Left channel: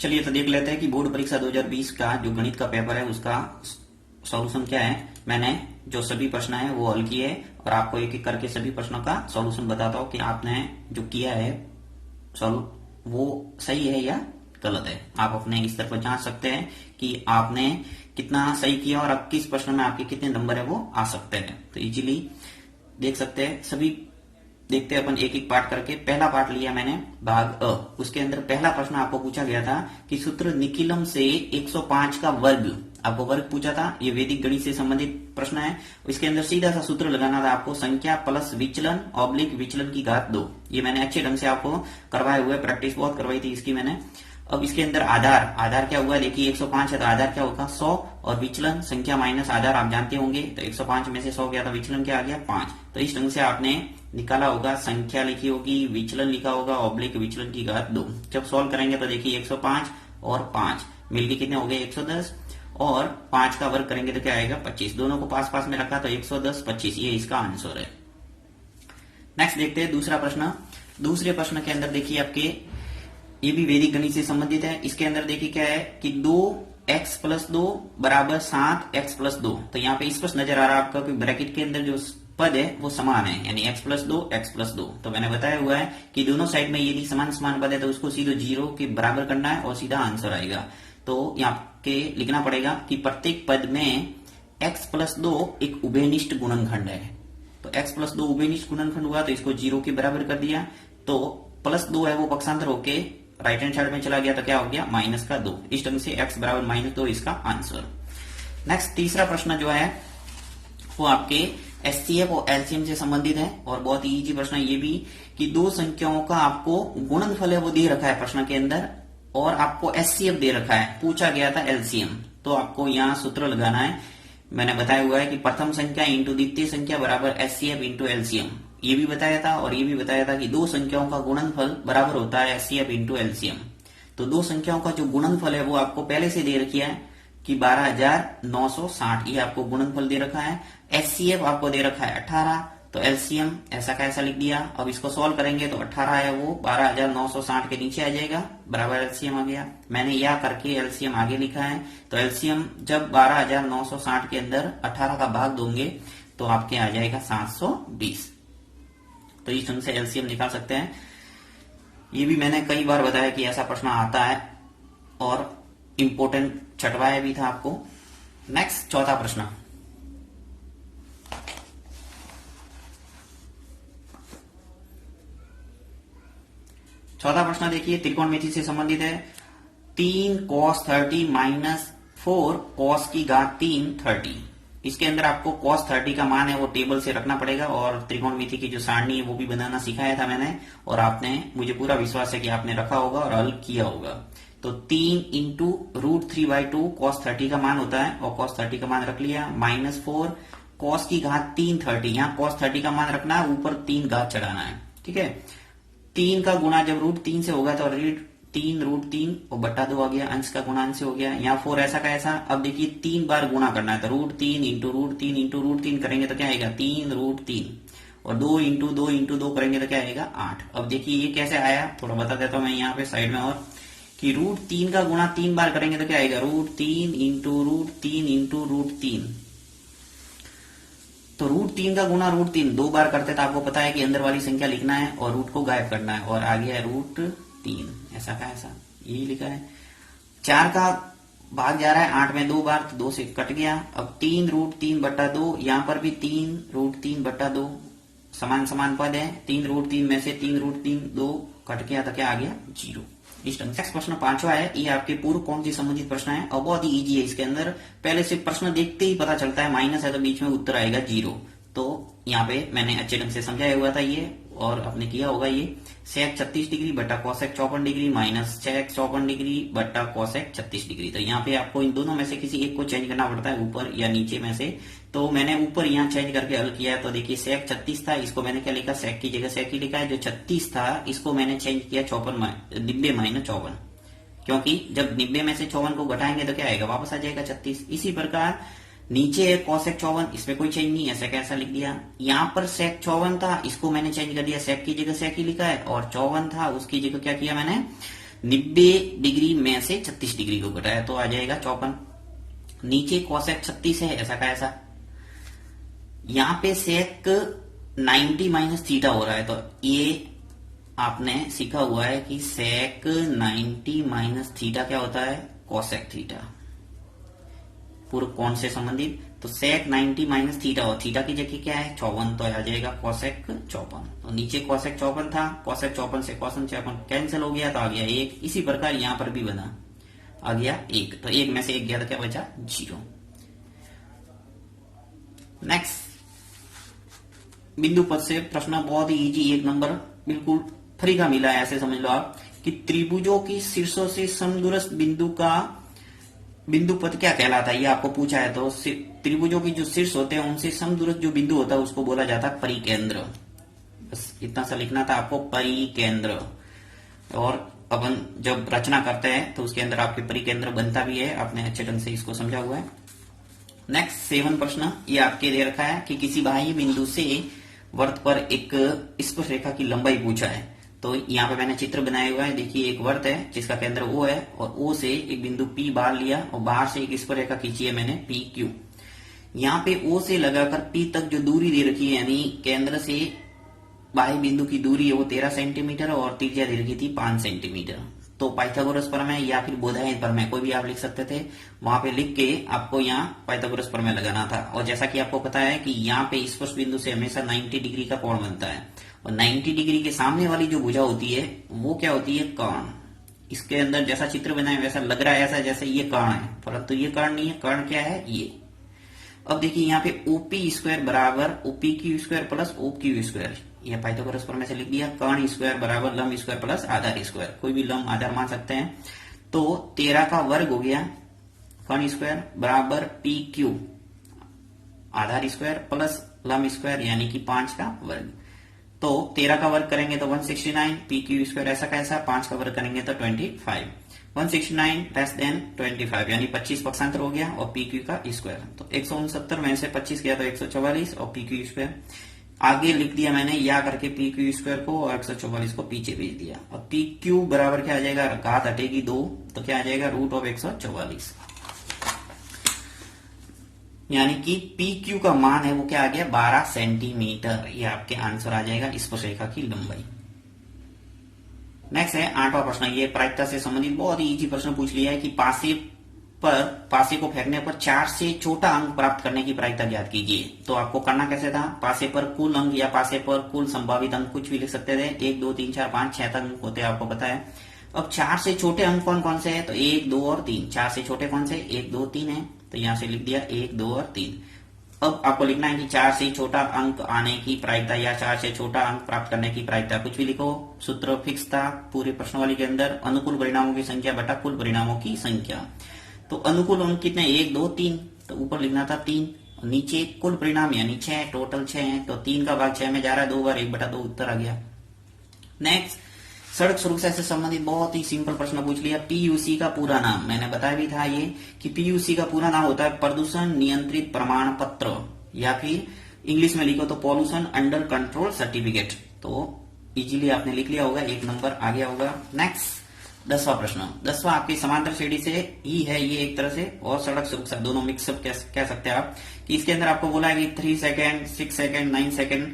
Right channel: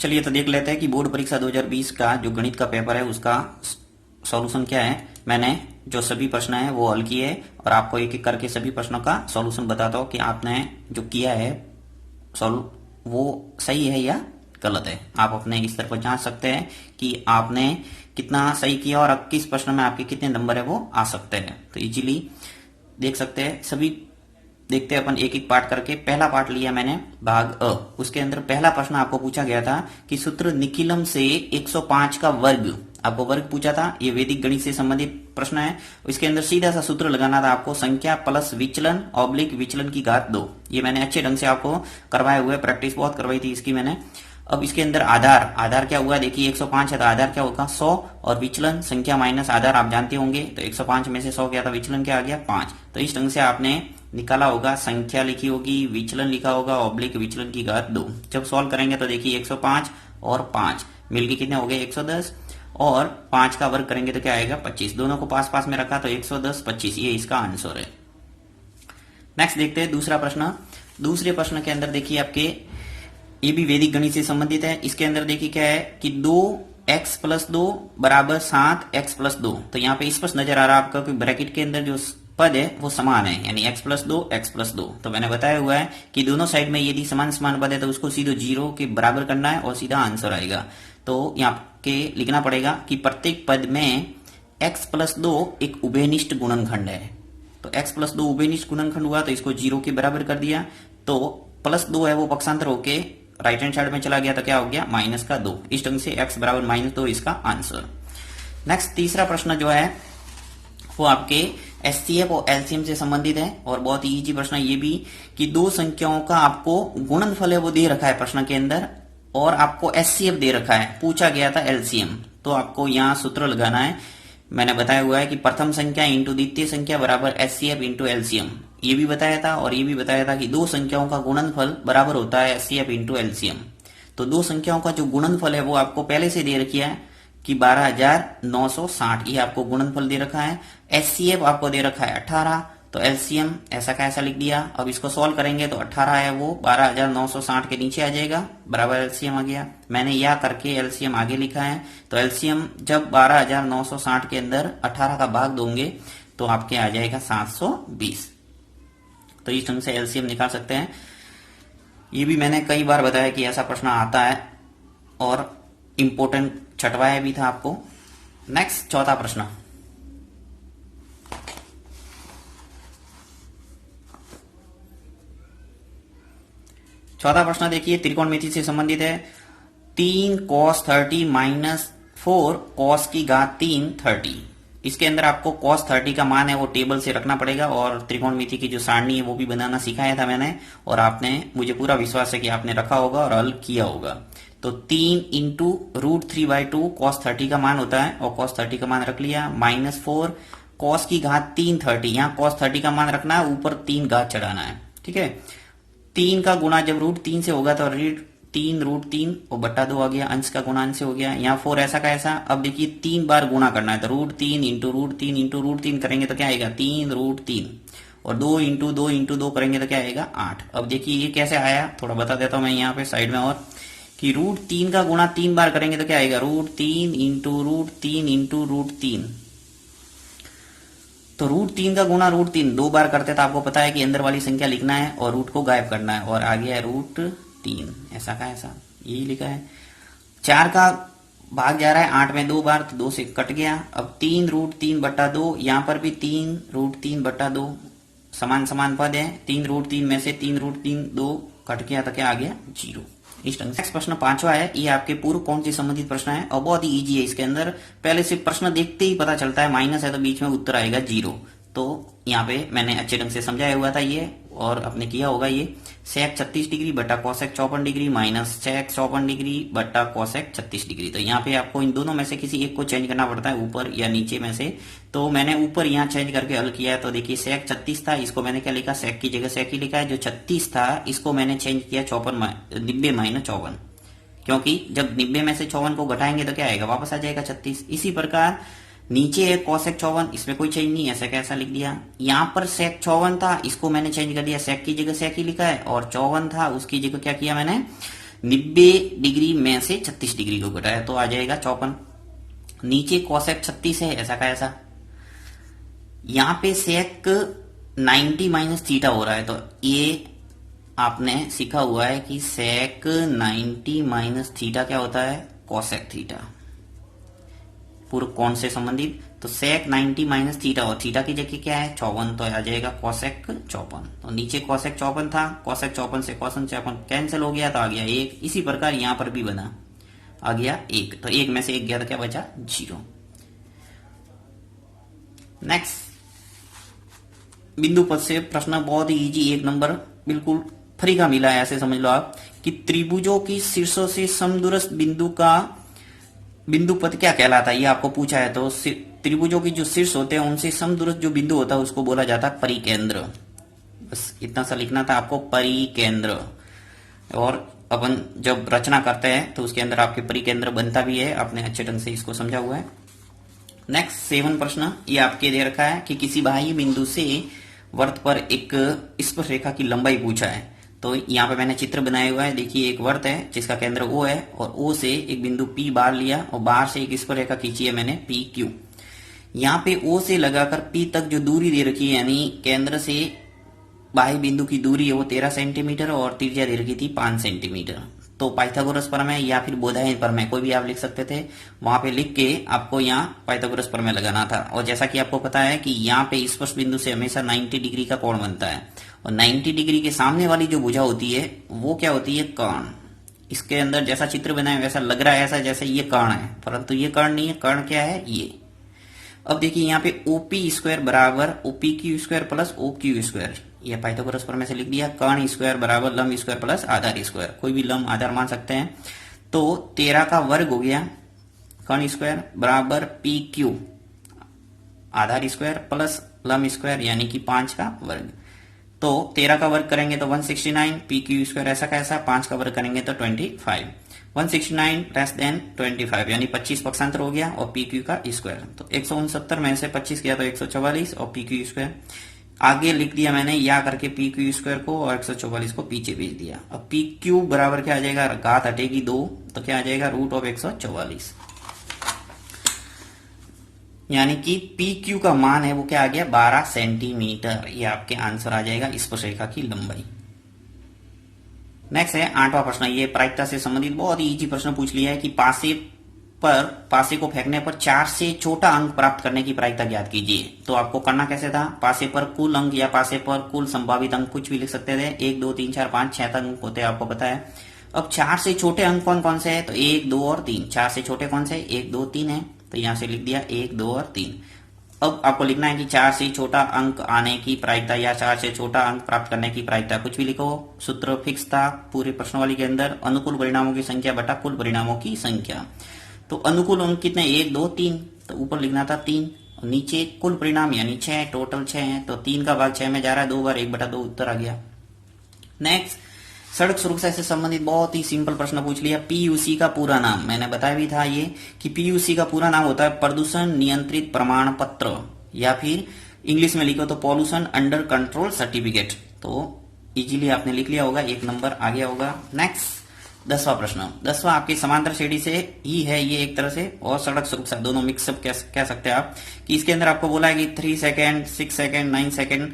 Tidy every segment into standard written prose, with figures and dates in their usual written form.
चलिए तो देख लेते हैं कि बोर्ड परीक्षा 2020 का जो गणित का पेपर है उसका सॉल्यूशन क्या है। मैंने जो सभी प्रश्न है वो हल किए और आपको एक एक करके सभी प्रश्नों का सॉल्यूशन बताता हूँ कि आपने जो किया है सॉल्व वो सही है या गलत है। आप अपने स्तर पर जांच सकते हैं कि आपने कितना सही किया और अब किस प्रश्न में आपके कितने नंबर है वो आ सकते हैं। तो इजीली देख सकते हैं। सभी देखते हैं अपन एक एक पार्ट करके। पहला पार्ट लिया मैंने भाग अ। उसके अंदर पहला प्रश्न आपको पूछा गया था कि सूत्र निखिलम से 105 का वर्ग, आपको वर्ग पूछा था। ये वैदिक गणित से संबंधित प्रश्न है। इसके अंदर सीधा सा सूत्र लगाना था आपको, संख्या प्लस विचलन ऑब्लिक विचलन की घात 2। ये मैंने अच्छे ढंग से आपको करवाए हुए, प्रैक्टिस बहुत करवाई थी इसकी मैंने। अब इसके अंदर आधार क्या हुआ, देखिए 105 है तो आधार क्या होगा 100 और विचलन संख्या माइनस आधार आप जानते होंगे। तो 105 में से 100 गया था, विचलन क्या आ गया 5। तो इस ढंग से आपने निकाला होगा, संख्या लिखी होगी, विचलन लिखा होगा, ऑब्लिक विचलन की घात 2। जब सॉल्व करेंगे तो देखिए 105 और 5 मिलके कितने हो गए 110 और 5 का वर्ग करेंगे तो क्या आएगा 25। दोनों को पास पास में रखा तो 110 25, ये इसका आंसर है। नेक्स्ट देखते हैं दूसरा प्रश्न। दूसरे प्रश्न के अंदर देखिए आपके, ये भी वैदिक गणित से संबंधित है। इसके अंदर देखिए क्या है कि 2x प्लस 2 बराबर 7x प्लस 2। तो यहाँ पे स्पष्ट नजर आ रहा है आपका कि ब्रैकेट के अंदर जो पद है वो समान है, यानी x प्लस 2 x प्लस 2। तो मैंने बताया हुआ है कि दोनों साइड में यदि समान समान पद है तो उसको सीधे 0 के बराबर करना है और सीधा आंसर आएगा। तो यहाँ के लिखना पड़ेगा कि प्रत्येक पद में x प्लस 2 एक उभयनिष्ठ गुणनखंड है। तो x प्लस 2 उभयनिष्ठ गुणनखंड हुआ तो इसको 0 के बराबर कर दिया। तो प्लस 2 है वो पक्षांतर होके राइट हैंड साइड में चला गया तो क्या हो गया माइनस का 2। इस ढंग से x बराबर -2 इसका आंसर। नेक्स्ट तीसरा प्रश्न जो है वो आपके एचसीएफ और एलसीएम से संबंधित है और बहुत ही इजी प्रश्न है ये भी, कि दो संख्याओं का आपको गुणनफल है वो दे रखा है प्रश्न के अंदर और आपको एचसीएफ दे रखा है, पूछा गया था एलसीएम। तो आपको यहाँ सूत्र लगाना है। मैंने बताया हुआ है कि प्रथम संख्या इंटू द्वितीय संख्या बराबर एचसीएफ इंटू एलसीएम, ये भी बताया था। और ये भी बताया था कि दो संख्याओं का गुणनफल बराबर होता है एचसीएफ इंटू एलसीएम। तो दो संख्याओं का जो गुणनफल है वो आपको पहले से दे रखी है कि 12,960, ये आपको गुणनफल दे रखा है। एचसीएफ आपको दे रखा है 18, तो एलसीएम ऐसा का ऐसा लिख दिया। अब इसको सॉल्व करेंगे तो 18 है वो 12,960 के नीचे आ जाएगा, बराबर एलसीएम आ गया। मैंने यह करके एलसीएम आगे लिखा है। तो एलसीएम जब 12,960 के अंदर 18 का भाग दोगे तो आपके आ जाएगा 720। तो इस ढंग से एलसीएम निकाल सकते हैं। ये भी मैंने कई बार बताया कि ऐसा प्रश्न आता है और इंपोर्टेंट छटवाया भी था आपको। नेक्स्ट चौथा प्रश्न। चौथा प्रश्न देखिए त्रिकोणमिति से संबंधित है। 3 cos 30 माइनस 4 cos की घात 3 30। इसके अंदर आपको cos 30 का मान है वो टेबल से रखना पड़ेगा और त्रिकोणमिति की जो सारणी है वो भी बनाना सिखाया था मैंने और आपने, मुझे पूरा विश्वास है कि आपने रखा होगा और हल किया होगा। तो 3 इंटू √3/2 cos 30 का मान होता है और cos 30 का मान रख लिया, माइनस 4 cos की घात 3 30। यहाँ cos 30 का मान रखना है, ऊपर 3 घात चढ़ाना है, ठीक है। 3 का गुणा जब √3 से होगा तो 3 √3 और बट्टा 2 आ गया, अंश का गुणा अंश से हो गया। यहाँ 4 ऐसा का ऐसा। अब देखिए 3 बार गुणा करना है तो √3 इंटू √3 इंटू √3 करेंगे तो क्या आएगा 3 √3 और 2 इंटू 2 इंटू 2 करेंगे तो क्या आएगा 8। अब देखिए ये कैसे आया, थोड़ा बता देता हूं मैं यहाँ पे साइड में और, कि √3 का गुणा 3 बार करेंगे तो क्या आएगा √3 इंटू √3 इंटू √3। तो √3 का गुणा √3 2 बार करते तो आपको पता है कि अंदर वाली संख्या लिखना है और रूट को गायब करना है और आ गया है √3 ऐसा का ऐसा, यही लिखा है। 4 का भाग जा रहा है 8 में 2 बार तो 2 से कट गया। अब 3 √3 बट्टा 2, यहाँ पर भी 3 √3 बट्टा 2, समान समान पद है। 3 √3 में से 3 √3 2 कट गया तो क्या आ गया 0। इस ढंग से प्रश्न 5वां है। ये आपके पूर्व कोण से संबंधित प्रश्न है और बहुत ही इजी है। इसके अंदर पहले से प्रश्न देखते ही पता चलता है, माइनस है तो बीच में उत्तर आएगा 0। तो यहाँ पे मैंने अच्छे ढंग से समझाया हुआ था ये और आपने किया होगा ये। sec 36 डिग्री बटा cosec 54 degree minus sec 54 degree बटा cosec 36 डिग्री। तो यहाँ पे आपको इन दोनों में से किसी एक को चेंज करना पड़ता है, ऊपर या नीचे में से। तो मैंने ऊपर यहाँ चेंज करके हल किया है। तो देखिए sec 36 था, इसको मैंने क्या लिखा, sec की जगह sec ही लिखा है। जो 36 था इसको मैंने चेंज किया 90 माइनस 54, क्योंकि जब 90 में से 54 को घटाएंगे तो क्या आएगा वापस आ जाएगा 36। इसी प्रकार नीचे है cosec 54, इसमें कोई चेंज नहीं है, sec ऐसा लिख दिया। यहाँ पर sec 54 था, इसको मैंने चेंज कर दिया, sec की जगह sec ही लिखा है। और 54 था उसकी जगह क्या किया मैंने 90 डिग्री में से 36 डिग्री को घटाया तो आ जाएगा 54। नीचे कोसेक 36 है, ऐसा का ऐसा। यहां पे सेक 90 माइनस थीटा हो रहा है, तो ये आपने सीखा हुआ है कि सेक 90 माइनस थीटा क्या होता है, कोसेक थीटा, पूर्व कोण से संबंधित। तो सेक 90 माइनस थीटा, और थीटा की जगह क्या है 54, तो आ जाएगा कोसेक 54। तो नीचे कोसेक 54 था, कोसेक 54 से कोसेक 54 कैंसिल हो गया तो आ गया 1। इसी प्रकार यहां पर भी बना, आ गया 1, तो 1 में से 1 गया तो क्या बचा 0। नेक्स्ट बिंदु पद से प्रश्न बहुत ही इजी, 1 नंबर बिल्कुल फ्री का मिला है, ऐसे समझ लो आप कि त्रिभुजों की शीर्षों से समदूरस्थ बिंदु का बिंदु पद क्या कहलाता है, ये आपको पूछा है। तो त्रिभुजों की जो शीर्ष होते हैं उनसे समदूरस्थ जो बिंदु होता है उसको बोला जाता है परिकेंद्र। बस इतना सा लिखना था आपको, परिकेंद्र। और अपन जब रचना करते हैं तो उसके अंदर आपके परिकेंद्र बनता भी है, आपने अच्छे ढंग से इसको समझा हुआ है। नेक्स्ट 7 प्रश्न ये आपके दे रखा है कि किसी बाह्य बिंदु से वृत्त पर एक स्पर्श रेखा की लंबाई पूछा है। तो यहाँ पे मैंने चित्र बनाया हुआ है, देखिए एक वृत्त है जिसका केंद्र O है, और O से एक बिंदु P बाहर लिया और बाहर से एक स्पर्श रेखा खींची है मैंने PQ। यहाँ पे O से लगाकर P तक जो दूरी दे रखी है, यानी केंद्र से बाह्य बिंदु की दूरी है वो 13 सेंटीमीटर और त्रिज्या दे रखी थी 5 सेंटीमीटर। तो पाइथागोरस प्रमेय या फिर बोधायन प्रमेय कोई भी आप लिख सकते थे, वहां पे लिख के आपको यहाँ पाइथागोरस प्रमेय लगाना था। और जैसा कि आपको पता है कि यहाँ पे स्पर्श बिंदु से हमेशा 90 डिग्री का कोण बनता है, और 90 डिग्री के सामने वाली जो भुजा होती है वो क्या होती है, कर्ण। इसके अंदर जैसा चित्र बनाया वैसा लग रहा है ऐसा जैसे ये कर्ण है, परंतु ये कर्ण नहीं है, कर्ण क्या है ये। अब देखिए यहाँ पे OP स्क्वायर बराबर OPQ square plus OQ square, ये पाइथागोरस प्रमेय से लिख दिया। कर्ण स्क्वायर बराबर लंब स्क्वायर प्लस आधार स्क्वायर, कोई भी लंब आधार मान सकते हैं। तो 13 का वर्ग हो गया कर्ण स्क्वायर बराबर PQ आधार स्क्वायर प्लस लंब स्क्वायर यानी कि 5 का वर्ग। तो 13 का वर्ग करेंगे तो 169, PQ स्क्वायर ऐसा कैसा, 5 का वर्ग करेंगे तो 25। 169 लेस देन 25 यानी 25 पक्षांतर हो गया, और PQ का स्क्वायर। तो 169 में से 25 किया तो 144 और PQ स्क्वायर आगे लिख दिया मैंने या करके PQ स्क्वायर को, और 144 को पीछे भेज दिया। अब PQ बराबर क्या आ जाएगा, घात हटेगी 2 तो क्या आ जाएगा रूट ऑफ 144, यानी कि PQ का मान है वो क्या आ गया 12 सेंटीमीटर। ये आपके आंसर आ जाएगा स्पर्श रेखा की लंबाई। नेक्स्ट है 8वां प्रश्न, ये प्रायिकता से संबंधित बहुत ही इजी प्रश्न पूछ लिया है कि पासे को फेंकने पर 4 से छोटा अंक प्राप्त करने की प्रायिकता ज्ञात कीजिए। तो आपको करना कैसे था, पासे पर कुल अंक या पासे पर कुल संभावित अंक कुछ भी लिख सकते थे, 1 2 3 4 5 6 अंक होते हैं आपको पता है। अब 4 से छोटे अंक कौन कौन से है, तो 1 2 और 3। 4 से छोटे कौन से, 1 2 3 है, तो यहां से लिख दिया 1 2 और 3। अब आपको लिखना है कि 4 से छोटा अंक आने की प्रायिकता या 4 से छोटा अंक प्राप्त करने की प्रायिकता, कुछ भी लिखो। सूत्र फिक्स था पूरे प्रश्नावली के अंदर, अनुकूल परिणामों की संख्या बटा कुल परिणामों की संख्या। तो अनुकूल अंक कितने, 1 2 3, तो ऊपर लिखना था 3, नीचे कुल परिणाम यानी 6, टोटल 6 है, तो 3 का भाग 6 में जा रहा है, 2 बार 1/2 उत्तर आ गया। नेक्स्ट सड़क सुरक्षा से संबंधित बहुत ही सिंपल प्रश्न पूछ लिया। PUC का पूरा नाम मैंने बताया भी था ये कि PUC का पूरा नाम होता है प्रदूषण नियंत्रित प्रमाण पत्र, या फिर इंग्लिश में लिखो तो पॉल्यूशन अंडर कंट्रोल सर्टिफिकेट। तो इजीली आपने लिख लिया होगा, 1 नंबर आ गया होगा। नेक्स्ट 10वां प्रश्न, 10वां आपकी समांतर श्रेणी से ही है ये एक तरह से, और सड़क सुरक्षा दोनों मिक्सअप कह सकते हैं आप, कि इसके अंदर आपको बोला है कि 3 सेकेंड 6 सेकेंड 9 सेकेंड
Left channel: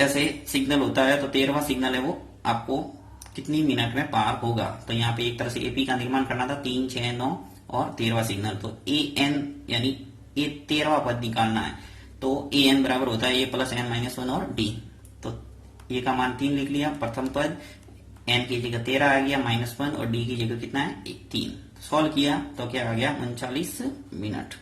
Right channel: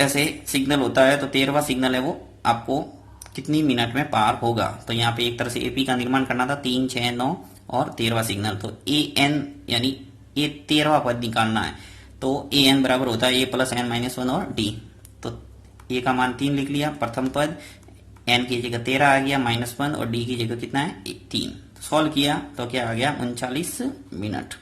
ऐसे सिग्नल होता है। तो 13वां सिग्नल है वो आपको कितनी मिनट में पार होगा। तो यहाँ पे एक तरह से AP का निर्माण करना था, 3 6 9 और 13वां सिग्नल। तो AN यानी ये 13वां पद निकालना है, तो AN बराबर होता है A प्लस N माइनस 1 और D। तो A का मान 3 लिख लिया, प्रथम पद N की जगह 13 आ गया -1 और D की जगह कितना है 3। सॉल्व किया तो क्या आ गया 39 मिनट।